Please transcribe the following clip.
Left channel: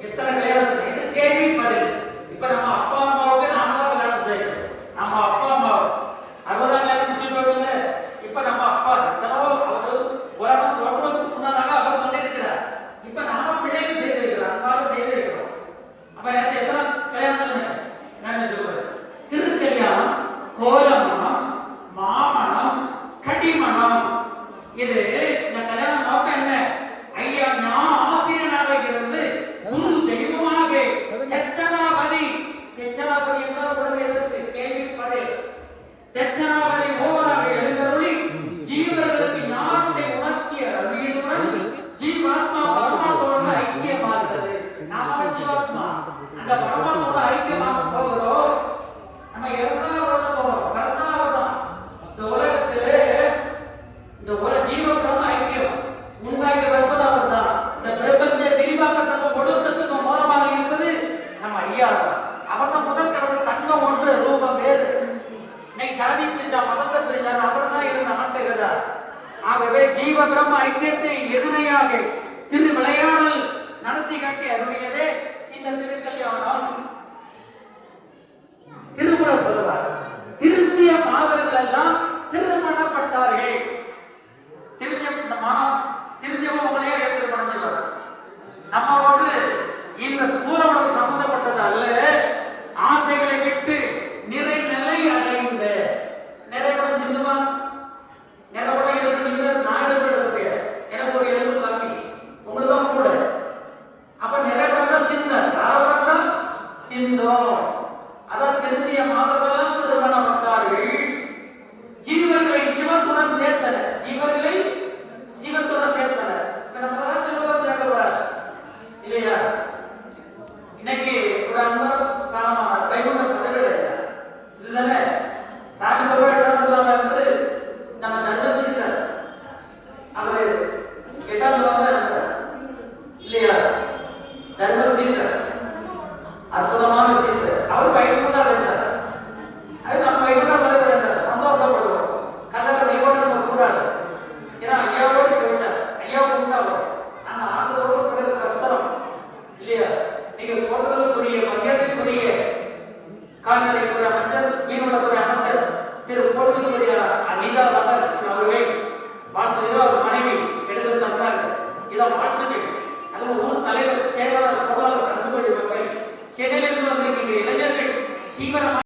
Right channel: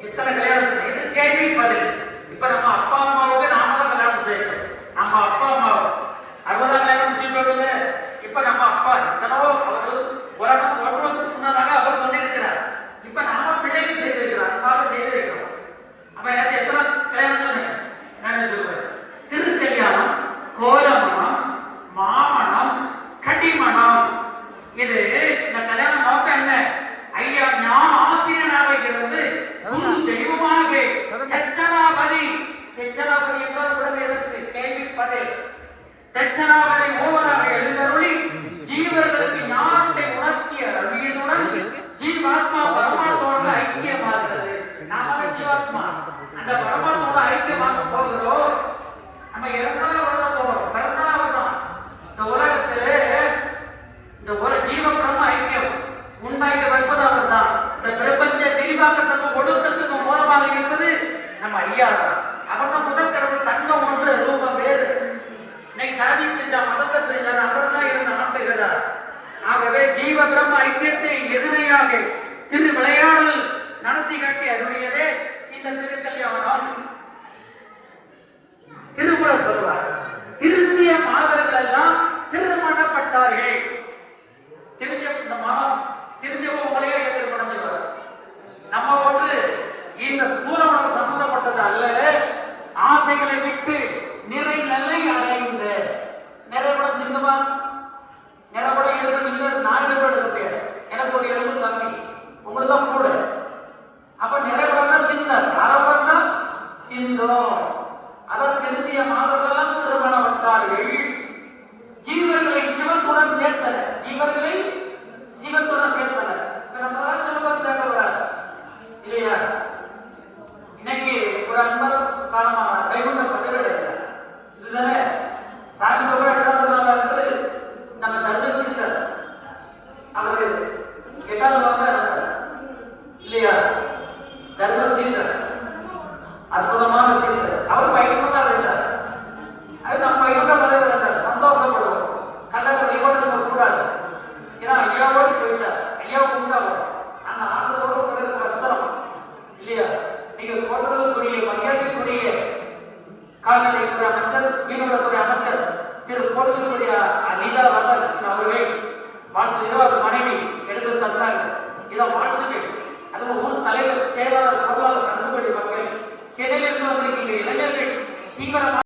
எத்தனை கல்யாணம் இது கேள்வி பதில் இப்ப நம்ம அப்பா அம்மாவுக்கு கேள்வி பதில் தெச்சராபதி ஓவராக எழுந்தருளி ஜீவர்களுக்கு ஞானத்தை உணர்த்திய அருளியதுடன் ஜீவாத்மா பரமாத்மாவோட ஐக்கியமாகிறது நாம ஜீவாத்மா? அந்த பரமாத்மாவோட ஐக்கியமாக போகிறோம் நம்ம இறந்தாலும் அவ்வளவுதான் போறோம். பிறந்தாலும் அவ்வளவுதான். இந்த உலகத்திலே இந்த உலக ஜீவ பிரம்ம ஐக்கியம். உண்டாக்கி வருவது அவர் தான் இந்த பிரபஞ்ச விரிவாக்கத்துக்கும் ஒடுக்கத்துக்கும் மூலமாக இருப்பது நம்ம ஐயா தான். அவர் தான் முதல் கடவுள் தன்மை ஒன்று ரூபம் வேறு. இன்னைக்கு சாதி பிரிஞ்சா மதத்தை பிரிஞ்சார் அவர் தான் இருந்த ஆட்டுகிறார் ஆகவே ஜீவ பிரம்ம ஐக்கியத்தை எதிரையாக திரு விளையாடல் நடத்தி காட்டி அருளியதே இந்த திருக்கல்யாணம். திருக்குறள் சொல்லுவார். திருந்திய மாதர்கள் எல்லாம் திருமணப்பட்டார்கள் திருந்திய இந்த மனம் திருந்தியவங்களே திருமணம் நம்ம அவர்களால் மாதர்களால் திருமணம் வந்தார்கள் ஜீவர்களை சிவத்துடன் சேர்த்தனர். ஜீவர்களை சிவத்துடன் சேர்த்தனர். இப்ப இல்லையா? இன்னைக்கு ஒரு அன்பர் காலமான வைகுண்ட இதுதானே? சாமி பாபா என்ன என்று நம்ம அவரு எட்டாவது வந்தா இருந்தார் இல்லையா? தர்மசீலர் அற்புதமான சீசர் அவர் வைகுண்டா இருந்தார் அது நம்ம வைகுண்டா இருந்தார் சந்தோஷப்படுவோம். கல்லறை நிவாரணம் நம்ம கூடாது ஏன்னா ஐயாவோடு போயிட்டார். ஐயாவுக்கு உண்டாகும் அந்த ஆண்டதோடு பிறகு கஷ்டம் இல்லையா? நீங்க போன்றதுக்குரிய மகிழ்ச்சிக்குரிய கால்நடைத்துறை அமைச்சர் மீனவத்துறை அமைச்சர் திரு போன்றதுக்குரிய அனிதா ராதாகிருஷ்ணன் அவர்களை வாழ்த்துகிறோம் அவர் மனைவி எடுத்து தந்தாங்க இதை வாழ்த்துகள் அது ஊர் தலைவர் செயலாளர் பொருளாளர் கண்டுபிடி மக்கள். சென்னையிலிருந்து வந்திருக்கின்ற இளைஞர்கள் தீவிரமாக